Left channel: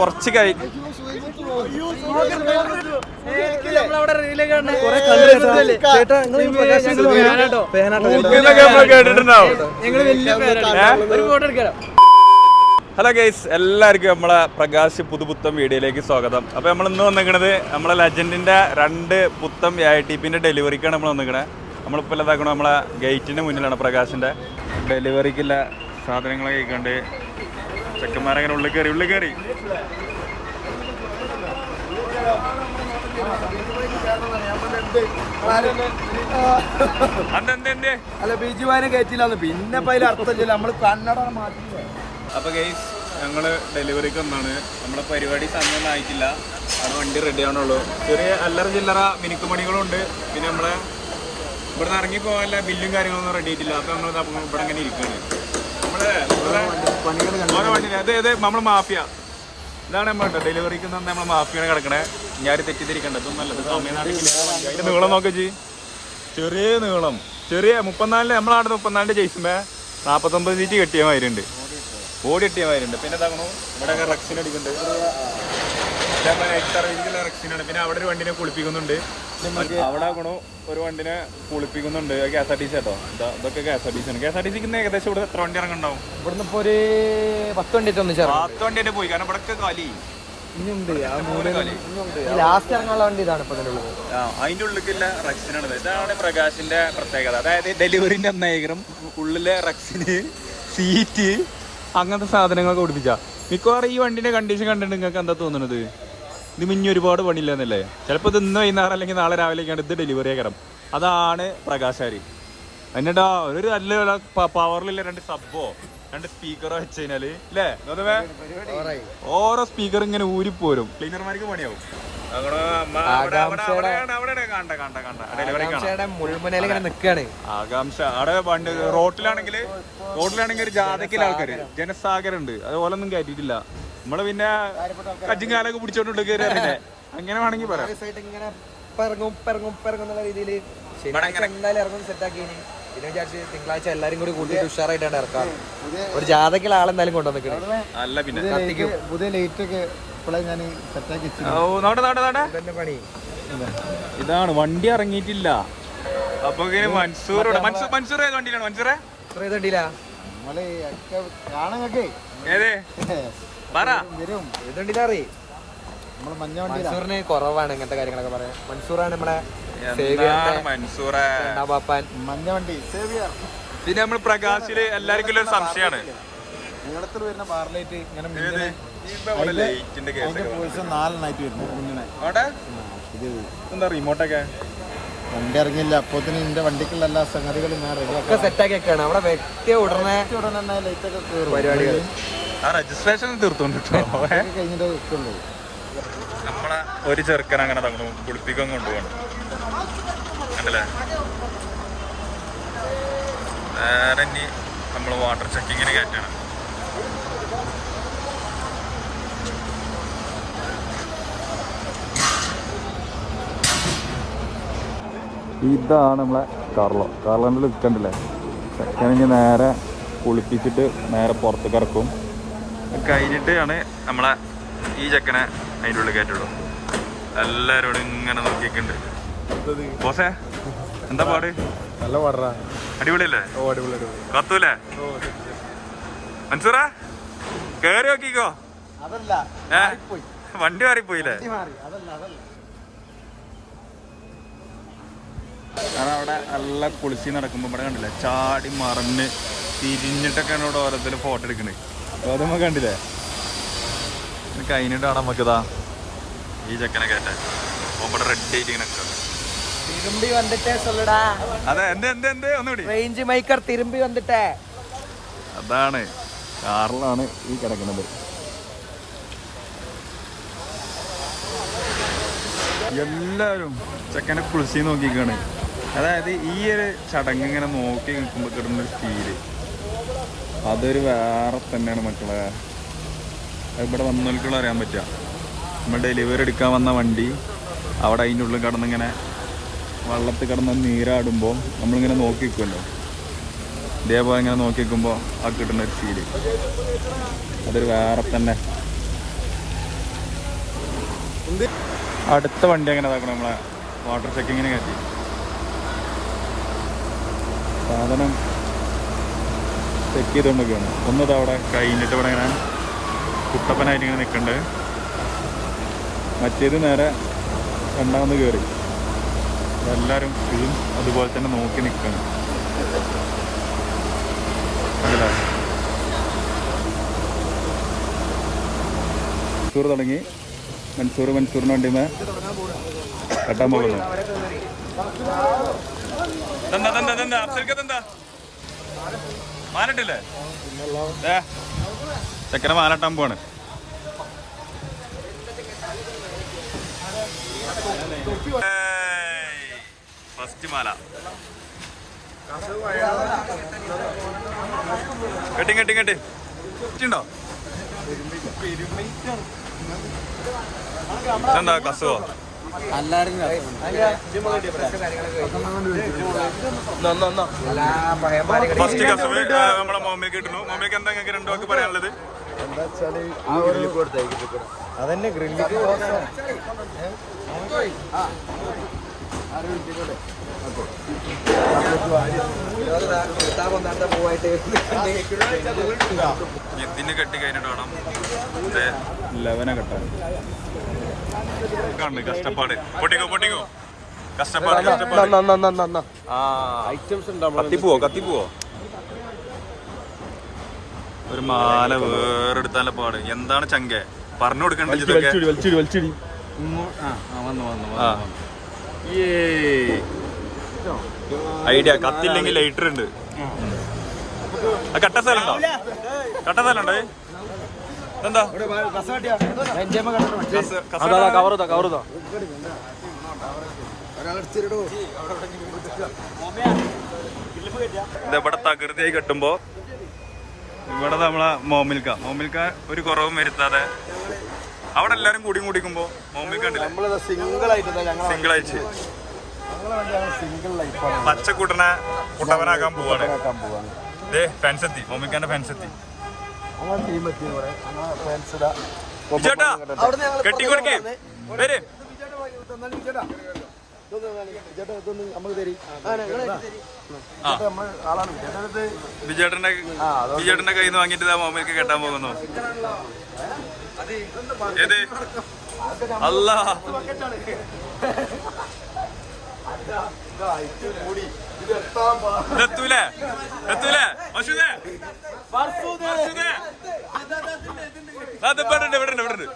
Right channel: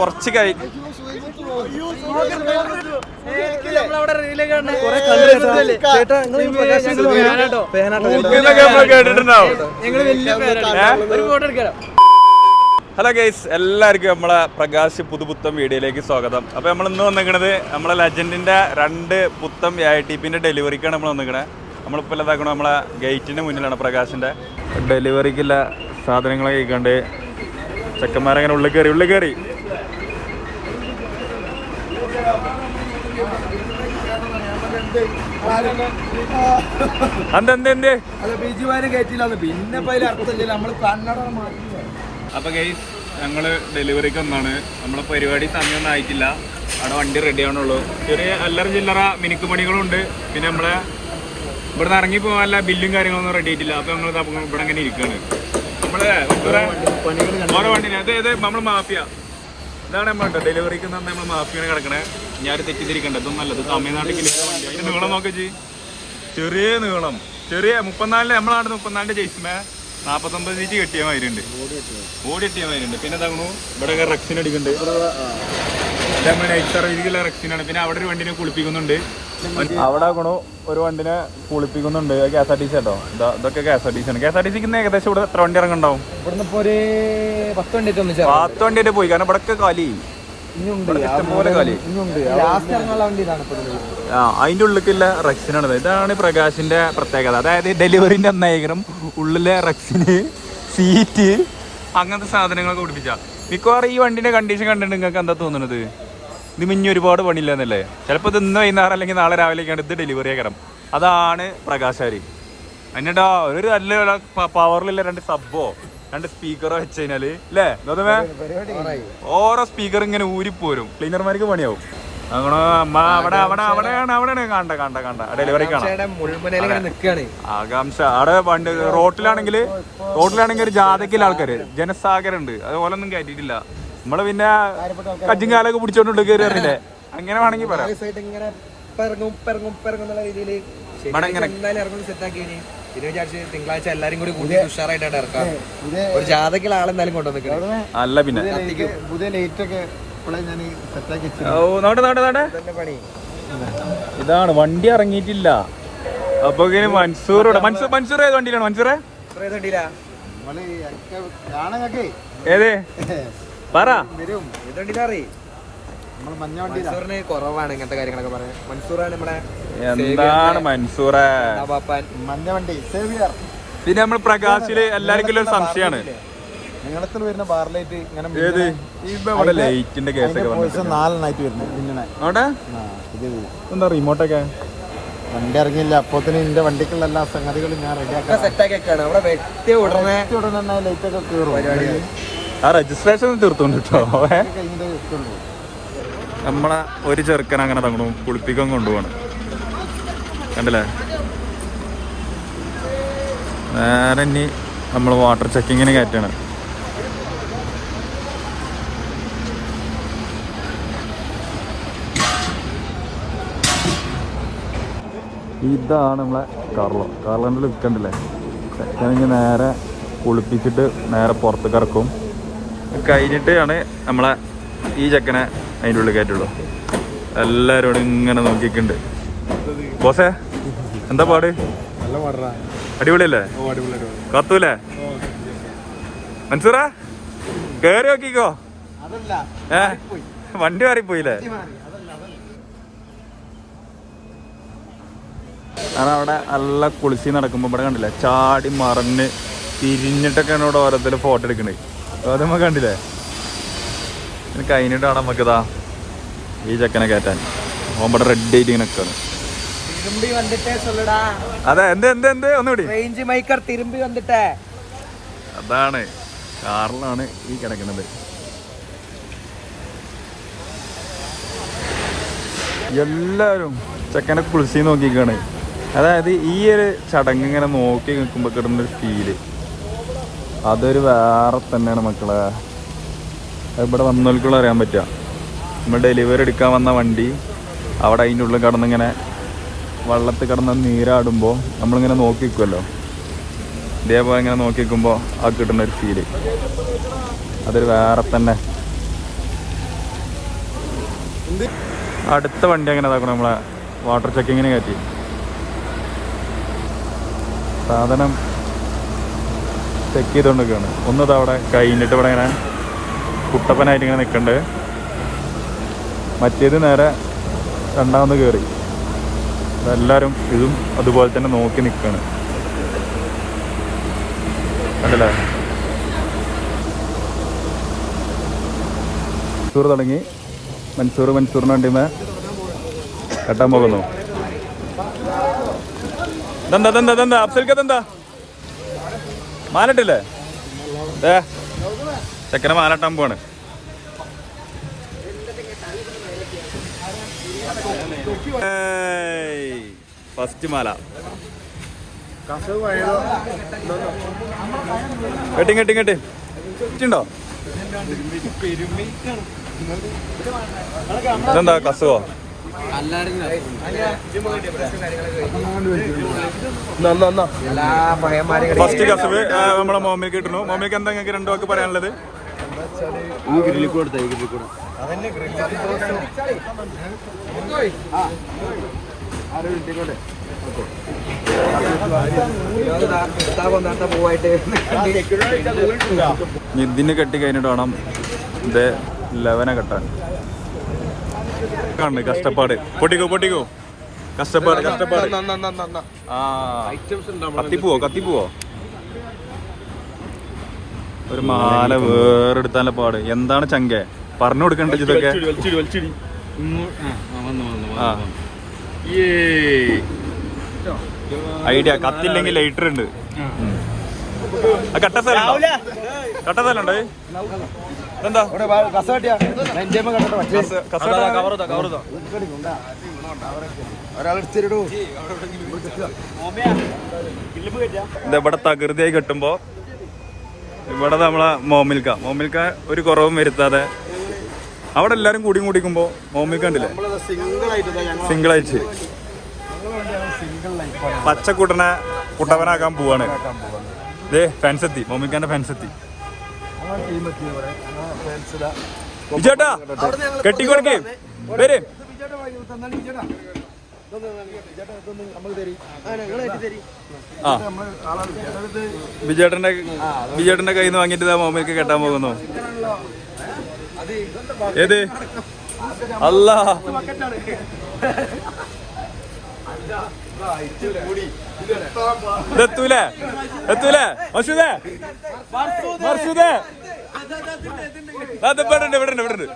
കുറച്ച് കൈ hello guys, എല്ലാവർക്കും നമ്മളെ പ്രകാശ് പുതുപുത്തം വീഡിയോയിലേക്ക് സ്വാഗതം. അപ്പോൾ നമ്മൾ ഇന്ന് വന്നിരിക്കുന്നത് നമ്മളെ ലെജൻഡിൻ്റെ 2 പുത്തം AITPൻ്റെ ഡെലിവറിക്കാണ് നമ്മൾ വന്നിരിക്കുന്നത്. നമ്മളിപ്പോൾ ഇതാക്കണം നമ്മളെ ഗേറ്റിൻ്റെ മുന്നിലാണ് പ്രകാശിൻ്റെ ഡെലിവറിക്കുള്ള സാധനങ്ങളൊക്കെ കഴിക്കാണ്ട് ചെക്കന്മാരങ്ങനെ ഉള്ളിൽ കയറി അപ്പൊ ഗൈസ്, ഞങ്ങള് ഡെലിവറിക്ക് ഒന്നാണ്. നമ്മളെ പരിപാടി സമയമൊന്നും ആയിട്ടില്ല. അവിടെ വണ്ടി റെഡി ആവണുള്ളൂ. ചെറിയ അല്ലറ ചില്ലറ മിനുക്കുപണികളും ഉണ്ട്. പിന്നെ നമ്മളെ ഇവിടുന്ന് ഇറങ്ങി പോകാനുള്ള ബില്ലും കാര്യങ്ങളൊന്നും റെഡി ആയിട്ടില്ല. അപ്പൊ ഞങ്ങൾ ഇവിടെ അങ്ങനെ ഇരിക്കുകയാണ്. നമ്മള് ഓരോ വണ്ടി നമ്മള് മാഫിയ ഇതാണ് നമ്മൾ ഡെലിവറിക്ക് നമ്മൾ മാഫിയാണ് കിടക്കണേ. ഞാൻ തെറ്റിദ്ധരിക്കണ്ട, ഇതൊന്നും നല്ലത് തമിഴ്നാട്ടിൽ അതിന്റെ നീളം നോക്കി. ചെറിയ നീളം, ചെറിയ 34 നമ്മളാണ് 34 ജയിച്ചുമ്പോ 49 ഇഞ്ച് കെട്ടിയ മാതിരിണ്ട്, ബോഡി കെട്ടിയ മാതിരിണ്ട്. പിന്നെ എന്താകണു ഇവിടെ റെക്സിന് അടിക്കുന്നുണ്ട്. റെക്സിനാണ്. പിന്നെ അവിടെ ഒരു വണ്ടിനെ കുളിപ്പിക്കുന്നുണ്ട്. അവിടെ ആകണു ഒരു വണ്ടിനെ കുളിപ്പിക്കുന്നുണ്ട്. KSRTC കേട്ടോ. ഇതൊക്കെ KSRTC ആണ്. KSRTC ഏകദേശം ഇവിടെ എത്ര വണ്ടി ഇറങ്ങുണ്ടാവും? ഇവിടുന്ന് ഇപ്പൊ ഒരു 10 വണ്ടിയായിട്ട് പോയി. കാരണം ഇവിടെ കാലി അതിന്റെ ഉള്ളിലേക്കുള്ള റെക്സിനാണ്. ഇതാണ് പ്രകാശിന്റെ പ്രത്യേകത. അതായത് ഡെലിവറിന്റെ അന്നേരം ഉള്ളിലെ റെക്സിന് സീറ്റ് അങ്ങനത്തെ സാധനങ്ങളൊക്കെ ഓടിപ്പിച്ച. മിക്കവാറും ഈ വണ്ടിന്റെ കണ്ടീഷൻ കണ്ടിട്ട് നിങ്ങൾക്ക് എന്താ തോന്നുന്നത്? ഇത് മിഞ്ഞി ഒരുപാട് പണിയില്ലെന്നല്ലേ? ചിലപ്പോൾ ഇത് ഇന്ന് വൈകുന്നേരം അല്ലെങ്കിൽ നാളെ രാവിലേക്കാണ് ഇത് ഡെലിവറി ആക്കണം. അതാണ് പ്രകാശാരി. എന്നിട്ടാ ഒരു നല്ല പവറിലുള്ള 2 സബ്ബോ 2 സ്പീക്കറോ വെച്ച് കഴിഞ്ഞാല് അല്ലേ ഗൗതമേ? ഓരോ സ്പീക്കർ ഇങ്ങനെ ഊരിപ്പോരും. ക്ലീനർമാർക്ക് പണിയാവും. ഡെലിവറി ആകാംക്ഷ. അവിടെ വണ്ടി റോട്ടിലാണെങ്കിൽ ഒരു ജാഥക്കില്ല ആൾക്കാര്, ജനസാഗരം ഉണ്ട്. അതുപോലെ ഒന്നും കയറ്റിയിട്ടില്ല. നമ്മള് പിന്നെ കജ്ജും കാലൊക്കെ പിടിച്ചോണ്ട് കയറി അറിയില്ലേ? അങ്ങനെ വേണമെങ്കിൽ പറയാം. പിന്നെ വിചാരിച്ച് തിങ്കളാഴ്ച എല്ലാരും കൂടി കൂട്ടിയിട്ട് ഉഷാറായിട്ടാണ് ഇറക്കാറ്. ഒരു ജാഥക്കുള്ള ആളെന്തായാലും കൊണ്ടുവന്നിക്കണേ. അല്ല പിന്നെ പുതിയ ലൈറ്റ് ഒക്കെ ഞാൻ സെറ്റാക്കി. ഇതാണ് വണ്ടി ഇറങ്ങിയിട്ടില്ല. അപ്പൊ മൻസൂർ ഏത് വണ്ടിയിലാണ്? മൻസൂറെ ഏത് പറ. മഞ്ഞ വണ്ടി കുറവാണ് ഇങ്ങനത്തെ കാര്യങ്ങളൊക്കെ പറയാൻ. മൻസൂറാണ് നമ്മുടെ. എന്താണ് മൻസൂറെ മഞ്ഞ വണ്ടി. പിന്നെ നമ്മൾ പ്രകാശില് എല്ലാവർക്കും ഒരു സംശയമാണ്. എന്താ റിമോട്ടൊക്കെ വണ്ടി ഇറങ്ങിയില്ല. അപ്പൊ ഇതിന്റെ വണ്ടിക്കുള്ള എല്ലാ സംഗതികളും ഞാൻ റെഡിയാക്കി അവിടെ വ്യക്തി ഉടനെ ലൈറ്റൊക്കെ കയറും. ആ രജിസ്ട്രേഷൻ തീർത്തോണ്ട് കേട്ടോ. കഴിഞ്ഞിട്ടേ വെക്കുള്ളൂ. നമ്മളെ ഒരു ചെറുക്കൻ അങ്ങനെ തന്നു കുളിപ്പിക്കാൻ കൊണ്ടുപോകണം. കണ്ടില്ലേ? നേരെ ഇനി നമ്മൾ വാട്ടർ ചെക്കിങ്ങിന് കയറ്റാണ്. ഇതാണ് നമ്മളെ കാർലോന്റെ ലുക്ക്. കണ്ടില്ലേ? ചെക്കനെങ്കിൽ നേരെ കുളിപ്പിച്ചിട്ട് നേരെ പുറത്തേക്ക് ഇറക്കും. കഴിഞ്ഞിട്ടാണ് നമ്മളെ ഈ ചെക്കനെ അതിൻ്റെ ഉള്ളിൽ കയറ്റുള്ളൂ. എല്ലാവരോടും ഇങ്ങനെ നോക്കിക്കുന്നുണ്ട്. ബോസേ എന്താ പാട്? നല്ല പാടാ. അടിപൊളിയല്ലേ? കത്തൂലേ? മൻസൂറ കേറി നോക്കിക്കോ. വണ്ടി മാറിപ്പോയില്ലേ? കാരണം അവിടെ നല്ല കുളിച്ച് നടക്കുമ്പോ ഇവിടെ കണ്ടില്ലേ ചാടി മറന്ന് തിരിഞ്ഞിട്ടൊക്കെയാണ് ഇവിടെ ഓരോരുത്തർ ഫോട്ടോ എടുക്കണേ. അത് നമുക്ക് കണ്ടില്ലേ? കഴിഞ്ഞിട്ടാണ് നമുക്കിതാ ഈ ചെക്കനെ കയറ്റാൻ. ഇവിടെ റെഡി ആയിട്ട് ഇങ്ങനെ നിൽക്കാണ്. അതെ എന്ത് ഒന്നുകൂടി അതാണ് കാറിലാണ് ഈ കിടക്കുന്നത്. എല്ലാവരും ചെക്കനെ കുളിച്ച് നോക്കിക്കാണ്. അതായത് ഈ ഒരു ചടങ്ങ് ഇങ്ങനെ നോക്കി നിൽക്കുമ്പോൾ കിട്ടുന്നൊരു ഫീല് അതൊരു വേറെ തന്നെയാണ് മക്കളെ. ഇവിടെ വന്നവർക്കുള്ള അറിയാൻ പറ്റുക. നമ്മൾ ഡെലിവറി എടുക്കാൻ വന്ന വണ്ടി അവിടെ അതിൻ്റെ ഉള്ളിൽ കിടന്നിങ്ങനെ വെള്ളത്തിൽ കിടന്ന് നീരാടുമ്പോൾ നമ്മളിങ്ങനെ നോക്കി നിൽക്കുമല്ലോ. ഇതേപോലെ ഇങ്ങനെ നോക്കി നിൽക്കുമ്പോൾ ആ കിട്ടുന്ന ഒരു ഫീല് അതൊരു വേറെ തന്നെ. അടുത്ത വണ്ടി എങ്ങനെ ഇതാക്കണം നമ്മളെ വാട്ടർ ചെക്കിങ്ങിന് കയറ്റി സാധനം ചെക്ക് ചെയ്തുകൊണ്ടൊക്കെയാണ്. ഒന്നത് അവിടെ കഴിഞ്ഞിട്ട് ഇവിടെ ഇങ്ങനെ കുട്ടപ്പനായിട്ട് ഇങ്ങനെ നിൽക്കണ്ട്. മറ്റേത് നേരെ രണ്ടാമത് കയറി. എല്ലാവരും ഇതും അതുപോലെ തന്നെ നോക്കി നിൽക്കുകയാണ്. കണ്ടല്ലേ മൻസൂർ തുടങ്ങി. മൻസൂറിന് വണ്ടിമേ കെട്ടാൻ പോകുന്നു. ഇതെന്താ അഫ്സൽക്കെന്താ മാലട്ടില്ലേ? ചെക്കനെ മാലട്ടാൻ പോവാണ്. ഫസ്റ്റ് മാല കെട്ടിണ്ടോ? ഇതെന്താ കസുവോ? ഫസ്റ്റ് കസവ് നമ്മളെ മോമിക്ക് കിട്ടുന്നു. മോമിക്ക് എന്താ നിങ്ങൾക്ക് രണ്ടു വാക്ക് പറയാനുള്ളത്? ഇതിന് കെട്ടി കഴിഞ്ഞിട്ട് വേണം ഇത് 11 കെട്ടാൻ. കഷ്ടപ്പാട് പൊട്ടിക്കോ കഷ്ടപ്പാട്. ആ കത്തിപ്പോവോ? ഒരു മാല വേറെടുത്താനുള്ള പാട്. എന്താണ് ചങ്കെ പറഞ്ഞു കൊടുക്കണ്ടേ ഇതൊക്കെ? ഐഡിയ. കത്തില്ലെങ്കിൽ ലൈറ്റർ ഉണ്ട്. കട്ട സ്ഥലം ഉണ്ടോ? എന്താ ഇവിടെ തകൃതിയായി കെട്ടുമ്പോ ഇവിടെ നമ്മളെ മോമിൽക്ക ഒരു കുറവും വരുത്താതെ അവിടെ എല്ലാരും കൂടിക്കുമ്പോ മോമിൽക്ക കണ്ടില്ലേ സിംഗിളായിട്ട് പച്ചക്കൂട്ടനെ കുട്ടവനാക്കാൻ പോവാണ്. ഇതേ ഫാൻസെത്തി, മോമിൽക്കാന്റെ ഫാൻസെത്തി. ചേട്ടാ കെട്ടിക്കൊടുക്കേ വരെ. വിജയേട്ടന്റെ കയ്യിൽ നിന്ന് വാങ്ങിട്ട് മോമിൽക്ക് കെട്ടാൻ പോകുന്നു. ഏത് അല്ല എത്തൂലേ മസൂദേ ഇവിടെ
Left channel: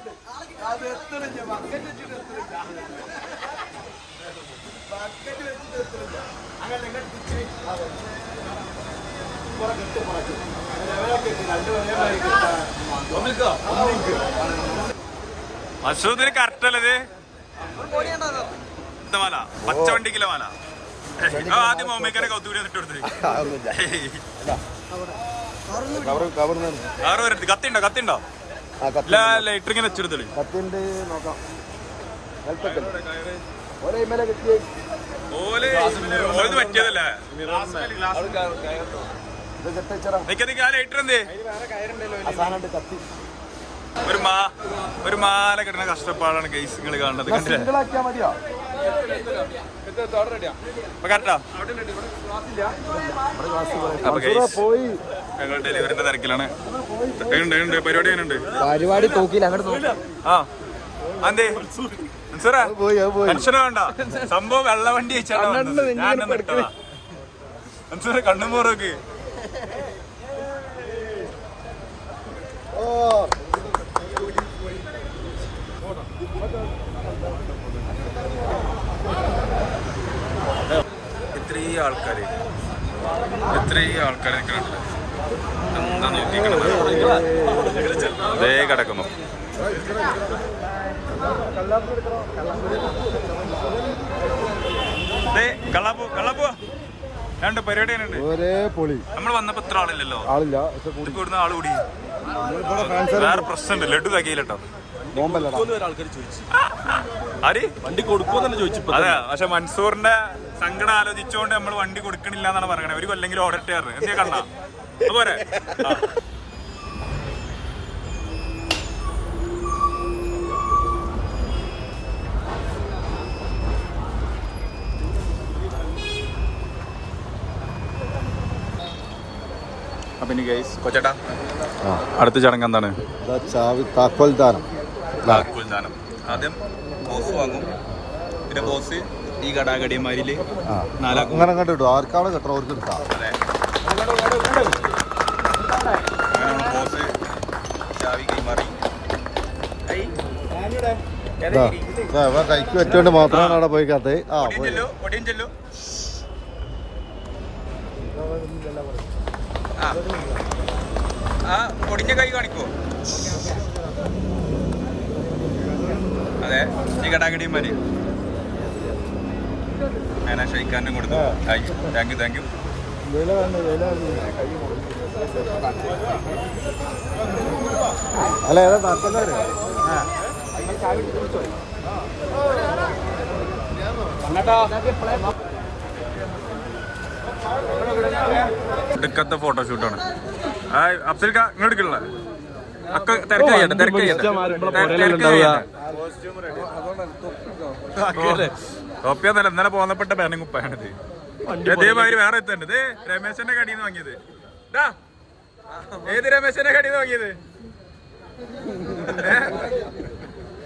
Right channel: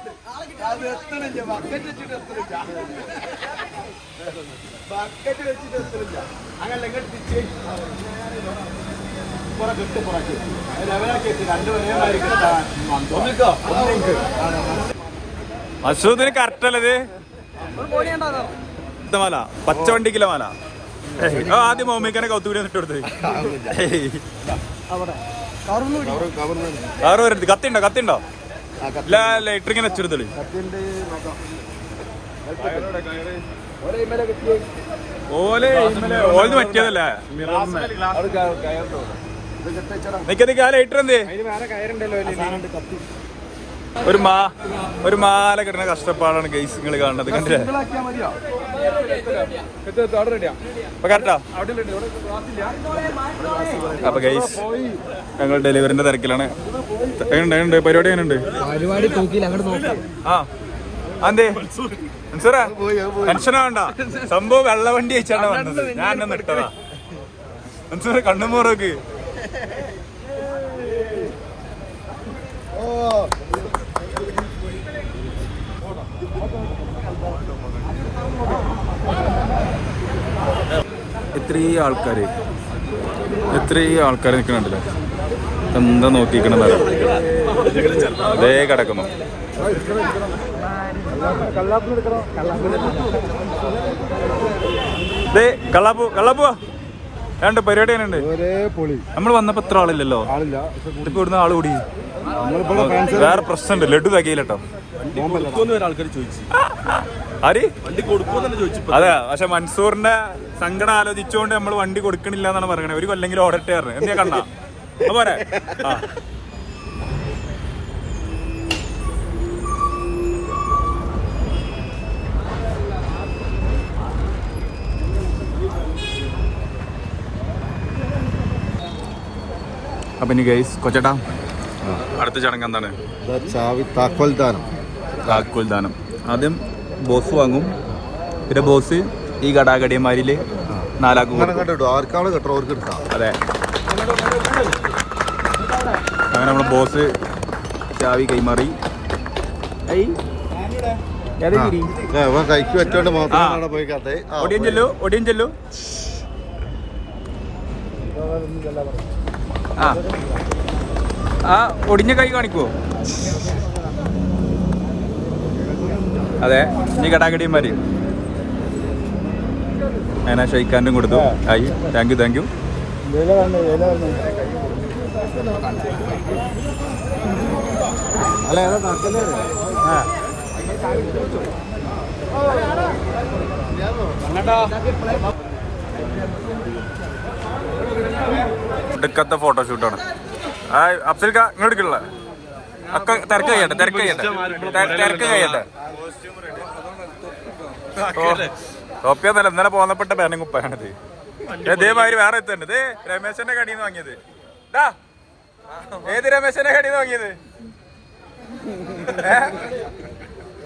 മസൂദിന് കറക്റ്റല്ലത്. മാല പച്ചവണ്ടിക്കില്ല മാല. ആദ്യം മോമിക്കനെ കൗത്തൂരി ഇട്ട് കൊടുത്തത്. കവറ് വരരുത്. കത്തിണ്ടോ? ലൈറ്റർ ഇങ്ങനെ വെച്ചെടുത്തത്. ഓല് പറ്റിയതല്ലേ? നിക്ക ആ ലൈറ്റർ എന്തേ? ഒരു മാല കിട്ടുന്ന കഷ്ടപ്പാടാണ് ഗൈസ് നിങ്ങൾ കാണുന്നത്. കണ്ടില്ലേ? കറക്റ്റാ. അപ്പൊ ഗൈസ് ഞങ്ങൾ ഡെലിവറിന്റെ തിരക്കിലാണ്. പരിപാടി എങ്ങനെയുണ്ട്? ആ അന്തേ മൻസൂറാ ടെൻഷന വേണ്ട. സംഭവം വെള്ളവണ്ടി വെച്ചാണ് വന്നത്. ഞാൻ എന്നെ ഇട്ടതാ. മൻസൂർ കണ്ണുമോറോക്ക് ഇത്രയും ആൾക്കാര് നിൽക്കണുണ്ടല്ലേ? എന്താ നോക്കിക്കണെന്ന് അതേ കിടക്കുന്നു. കള്ളാപ്പുവാ രണ്ട് പരിപാടി തന്നെ ഉണ്ട്. നമ്മൾ വന്നപ്പോ ഇത്ര ആളില്ലല്ലോ. ഇപ്പൊ ഇവിടുന്ന് ആള് കൂടി. വേറെ പ്രശ്നമുണ്ട്. ലഡു കകയിലട്ടോ. ആര് അതെ. പക്ഷെ മൻസൂറിന്റെ സങ്കടം ആലോചിച്ചുകൊണ്ട് നമ്മൾ വണ്ടി കൊടുക്കണില്ല എന്നാണ് പറയണത്. ഒരു കൊല്ലെങ്കിലും ഓടട്ടെ പറഞ്ഞു. എന്തിനാ കണ്ണാ പോരെ? ആ അപ്പൊ ഇനി ഗൈസ് കൊച്ചേട്ടാ അടുത്ത ചടങ്ങ് എന്താണ്? ചാവി താക്കോൽ ദാനം. താക്കോൽ ദാനം. ആദ്യം ബോസ് വാങ്ങും, പിന്നെ ബോസ് ഈ കടാകടിയന്മാരില് നാലാക്കും. ആർക്കാണ് കേട്ടോ അവർക്ക് എടുക്കാം. അതെ, അങ്ങനെ നമ്മളെ ബോസ് ചാവി കൈമാറി. കൈക്ക് വെച്ചോണ്ട് മാത്രമാണ് അവിടെ പോയി കാത്ത്. ഒടിയൻ ചെല്ലു. ആ ഒടിഞ്ഞ കൈ കാണിക്കൂ. അതെ, ഈ കടാകടിയന്മാര് അങ്ങനെ ഷെയ്ക്കാനും കൊടുത്തു. ആയി, താങ്ക് യു. അല്ല നാട്ടിലെ എടുക്കത്തെ ഫോട്ടോഷൂട്ടാണ്. അഫ്സൽ കാ ഇങ്ങോട്ട് എടുക്കണില്ല. ഒക്കെ തിരക്ക് കഴിയട്ടെ. ടോപ്പിയൊന്നല്ല, ഇന്നലെ പോന്നപ്പെട്ട ബാനും കുപ്പായാണിത്. ഇതേമാതിരി വേറെ എത്തുണ്ട്. ഇത് രമേശന്റെ കടയിൽ നിന്ന് വാങ്ങിയത്. ഏത് രമേശന്റെ കടയിൽ നിന്ന് വാങ്ങിയത്?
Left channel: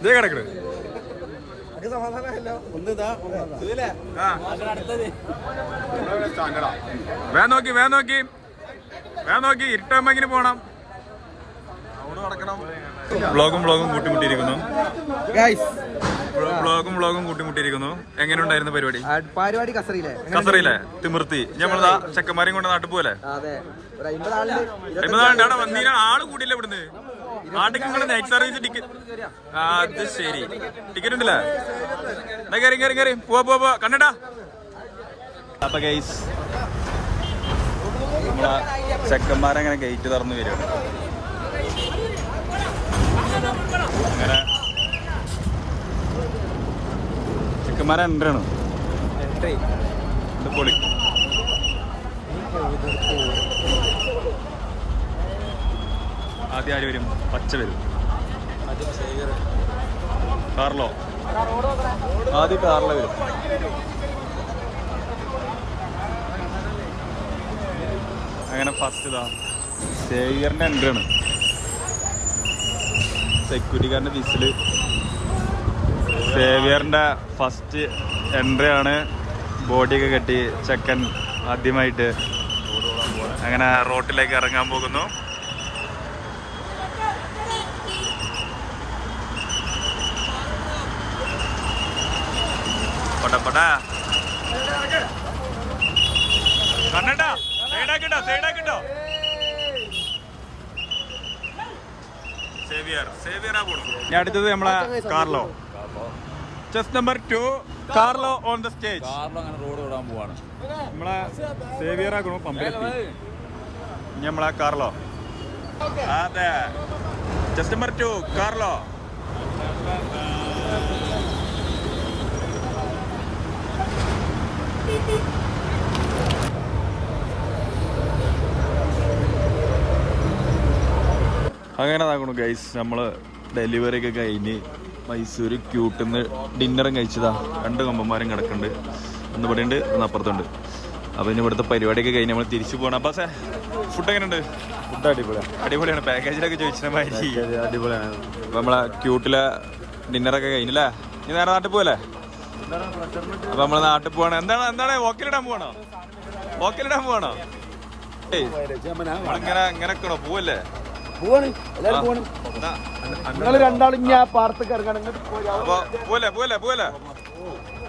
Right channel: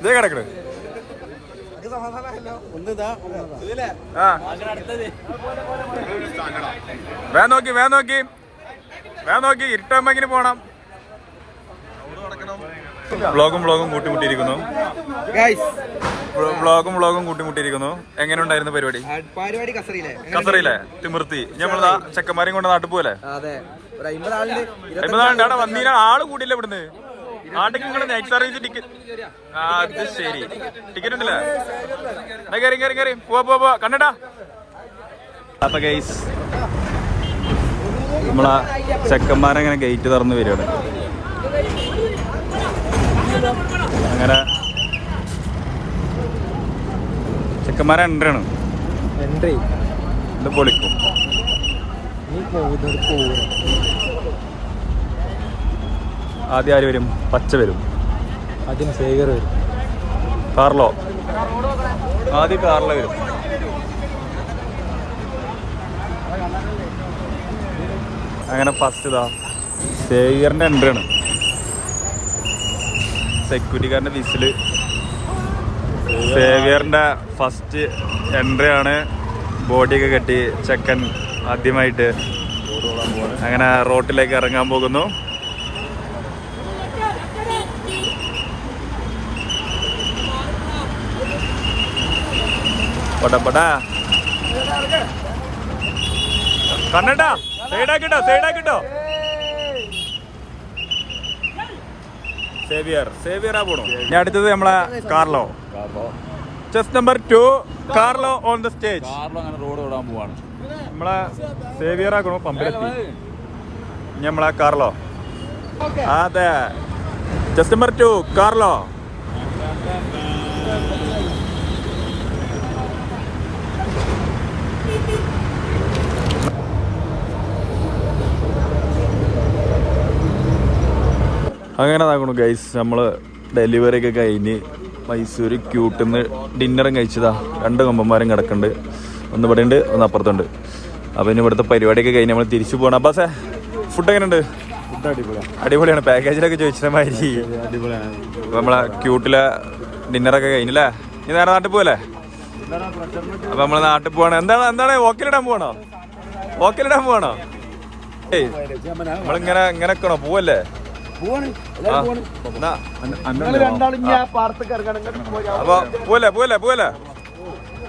ഇതേ കിടക്കണ്. വേഗം നോക്കി ഇരുട്ടാകുമ്പോ പോണം. വ്ളോഗും കൂട്ടിമുട്ടിയിരിക്കുന്നു. എങ്ങനെ ഉണ്ടായിരുന്നു പരിപാടി? കസറിയിലെ തിമിർത്തി നമ്മളതാ ചെക്കന്മാരെയും കൊണ്ട് നാട്ടിൽ പോലെ 50 ആളുണ്ട്. അവിടെ വന്നീന ആള് കൂടിയില്ല ഇവിടുന്ന്. നാട്ടിൽ നിങ്ങള് നൈറ്റ് സർവീസ് ടിക്കറ്റ്. അത് ശരി, ടിക്കറ്റ് ഉണ്ടല്ലേ? കയറി പോവാ കണ്ടട്ടാ. അപ്പൊ ഗൈസ് നമ്മളാ ചെക്കന്മാരങ്ങനെ ഗേറ്റ് തുറന്ന് വരികയാണ്. അങ്ങനെ ചെക്കന്മാരെ എൻട്രിയാണ്. ഇത് പൊളിക്കും. ആദ്യം ആര് വരും? പച്ച വരും. കാർലോ വരും. അങ്ങനെ ഫസ്റ്റ് ഇതാ സേവിയറിന്റെ എൻട്രി ആണ്. സെക്യൂരിറ്റിക്കാരന്റെ വിസില്. സേവിയറിന്റെ ഫസ്റ്റ് എൻട്രി ആണ്. ബോഡിയൊക്കെ കെട്ടി ചെക്കൻ ആദ്യമായിട്ട് അങ്ങനെ റോട്ടിലേക്ക് ഇറങ്ങാൻ പോകുന്നു. പടാ കണ്ണട്ടാ, സൈഡാക്കിട്ടോ. സേവിയറാ പോണു. ഇനി അടുത്തത് നമ്മളെ Carlo. Chess number 2 Carlo on the stage. Carlo അങ്ങനെ റോഡ് ഓടാൻ പോവാണ്. നമ്മളെ സേവിയറാക്കണു പമ്പിലെത്തി. ഇനി നമ്മളെ കാർലോ. അതെ, ചെസ് നമ്പർ 2 കാർലോ. അങ്ങനെ ആകണു ഗൈസ്. നമ്മള് ഡെലിവറി ഒക്കെ കഴിഞ്ഞ് മൈസൂര് ക്യൂട്ടിന്ന് ഡിന്നറും കഴിച്ചതാ. 2 കൊമ്പന്മാരും കിടക്കുന്നുണ്ട്. ഒന്ന് ഇവിടെ ഉണ്ട്, ഒന്ന് അപ്പുറത്തുണ്ട്. അപ്പൊ ഇനി ഇവിടുത്തെ പരിപാടിയൊക്കെ കഴിഞ്ഞ് നമ്മൾ തിരിച്ചു പോകണം. അപ്പാസേ, ഫുഡ് എങ്ങനെയുണ്ട്? ഫുഡ് അടിപൊളിയാണ്. പാക്കേജിലൊക്കെ ചോദിച്ച മാതിരി അടിപൊളിയാണ്. അപ്പൊ നമ്മളെ ക്യൂട്ടിലെ ഡിന്നറൊക്കെ കഴിഞ്ഞല്ലേ? ഇനി നേരെ നാട്ടിൽ പോവല്ലേ? അപ്പൊ നമ്മള് നാട്ടിൽ പോവാണ്. എന്താണ് ഓക്കലിടാൻ പോവാണോ? ഏയ് നമ്മളിങ്ങനെ ഇങ്ങനെക്കണോ? പോവല്ലേ? അപ്പൊ പോവല്ലേ?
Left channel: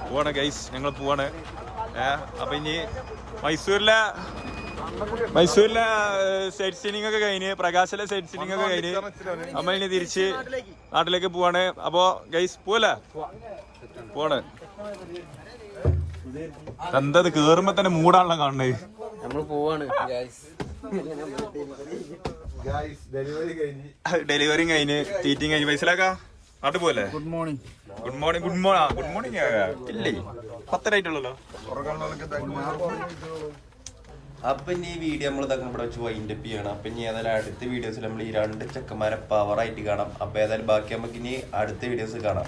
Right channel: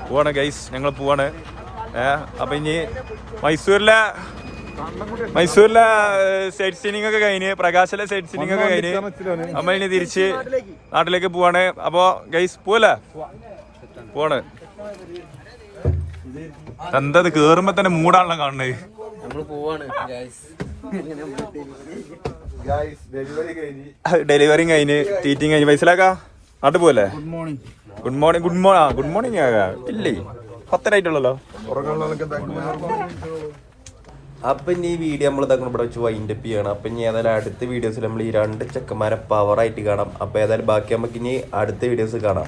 പോവാണ് ഗൈസ്, ഞങ്ങൾ പോവാണ്. അപ്പൊ ഇനി മൈസൂരിലെ സൈറ്റ് സീനിങ് ഒക്കെ കഴിഞ്ഞ്, പ്രകാശിലെ സൈറ്റ് സീനിങ് ഒക്കെ കഴിഞ്ഞ് നമ്മൾ ഇനി തിരിച്ച് നാട്ടിലേക്ക് പോവാണ്. അപ്പൊ ഗൈസ് പോവാണ്. എന്തത് കേറുമ്പോ തന്നെ മൂടാണല്ലോ കാണുന്നത്. ഡെലിവറി കഴിഞ്ഞ് തീറ്റിങ് കഴിഞ്ഞ് പൈസലാക്കാ നാട്ടിൽ പോവല്ലേ? ഗുഡ് മോർണിംഗ് ഇല്ലേ? 10 ആയിട്ടുള്ളല്ലോ. അപ്പൊ ഇനി ഈ വീഡിയോ നമ്മൾ ഇതാക്കണം ഇവിടെ വെച്ച് വൈൻഡപ്പ് ചെയ്യണം. അപ്പൊ ഇനി ഏതായാലും അടുത്ത വീഡിയോസിൽ നമ്മൾ ഈ 2 ചെക്കന്മാരെ പവറായിട്ട് കാണാം. അപ്പൊ ഏതായാലും ബാക്കി നമുക്ക് ഇനി അടുത്ത വീഡിയോസ് കാണാം.